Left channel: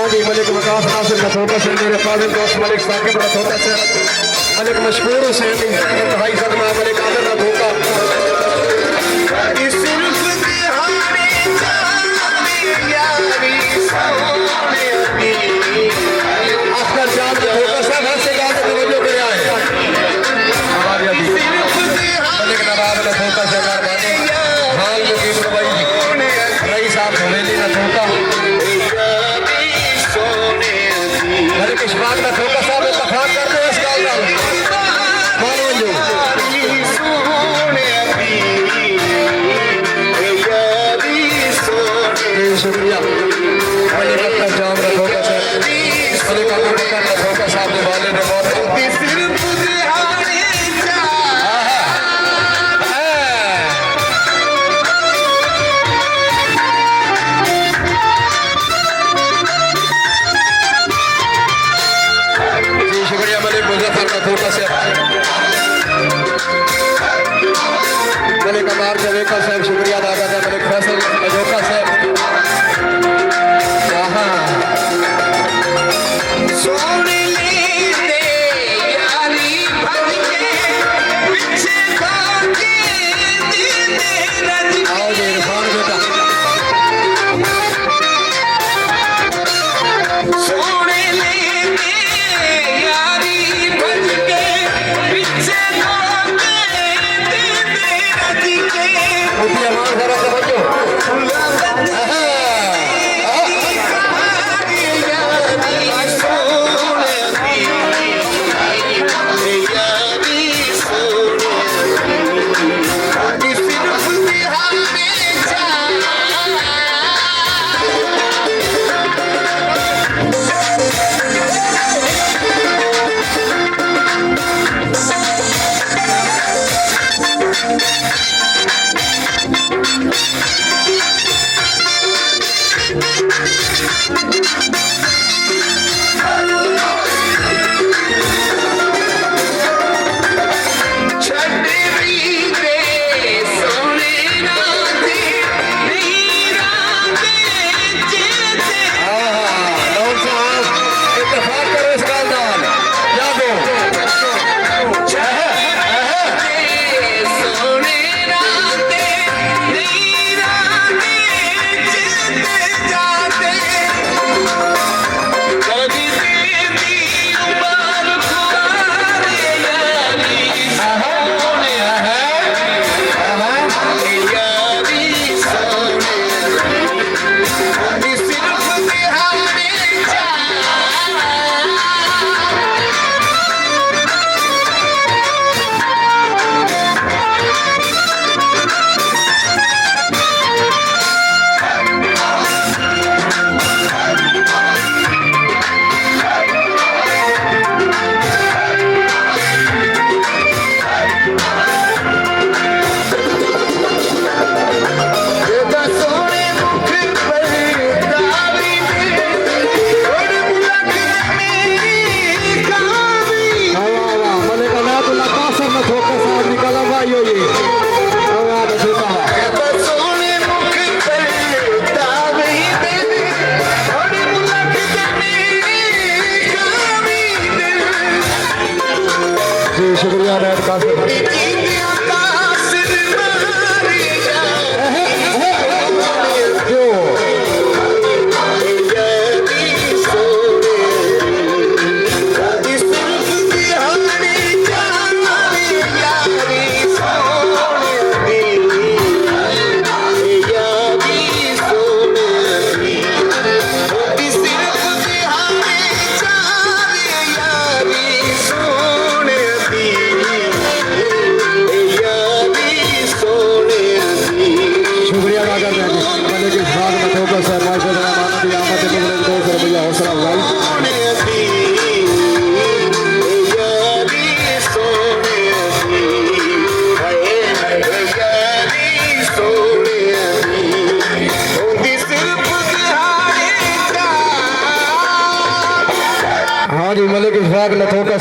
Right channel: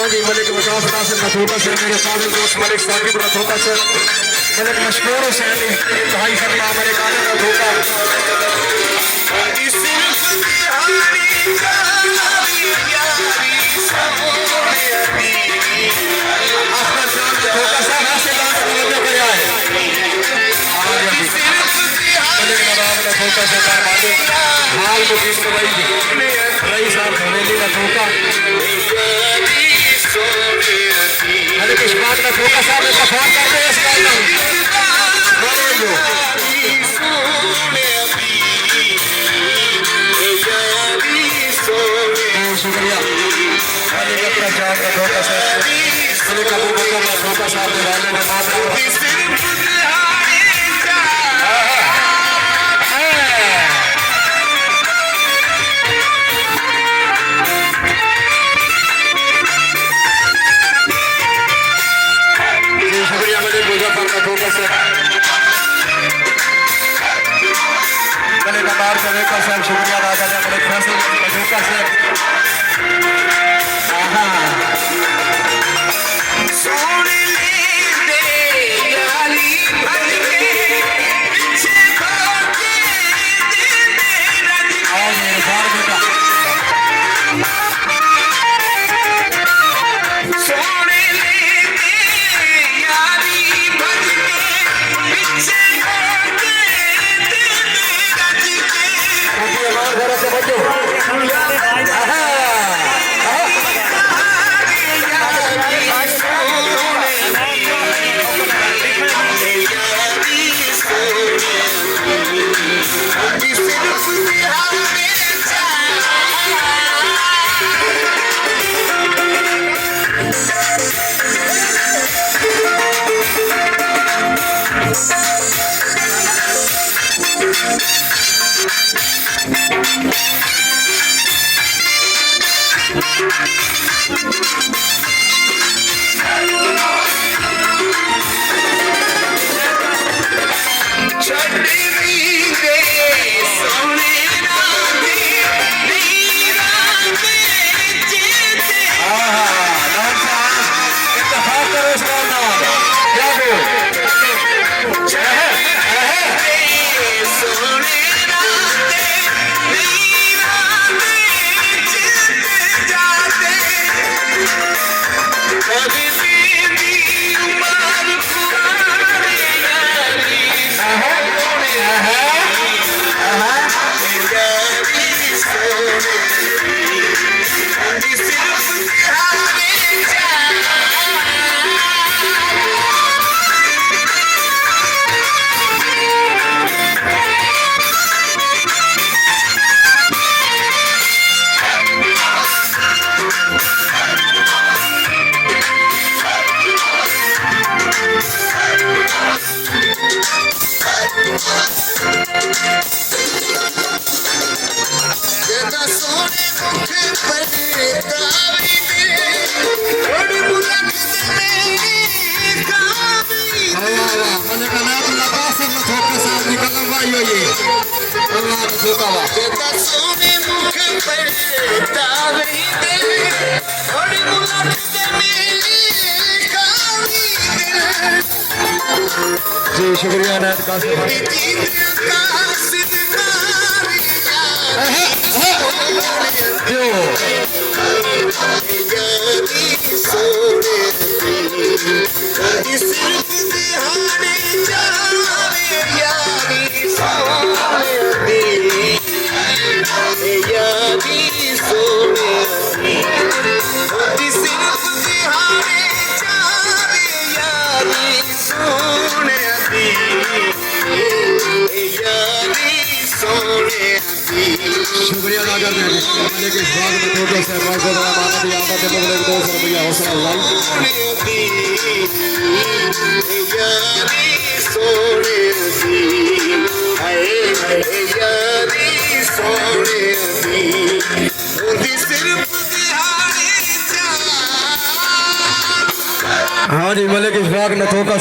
हाँ जी मलिक विकास नासिर नथोटा से मेरे फादर दोस्त मलिक साकिब नथोटा से मलिक मशहूर से भाई शर्मा मलिक आमिर नथोटा अख्तर जान नथोटा साहब हाथ से जाकर तवज्जो करे आए हमारे अभी मलिक नवाब नथोटा से मेहरबानी हाल मुकीम रई साहब हवेली नथोटा मलिक इस्माइल नथोटा साहब इत्तफाक करते हैं इसका इनाम शुक्रिया मलिक अख्तर जान नथोटा साहब मलिक अबू बकर नथोटा साहब ने वाले ने मार मलिक अमार जवेकर साहब शुक्रिया अदा करते हैं मलिक फैसल मजोका साहब जी शुक्रिया हाँ जी मलिक इशफाक नथोटा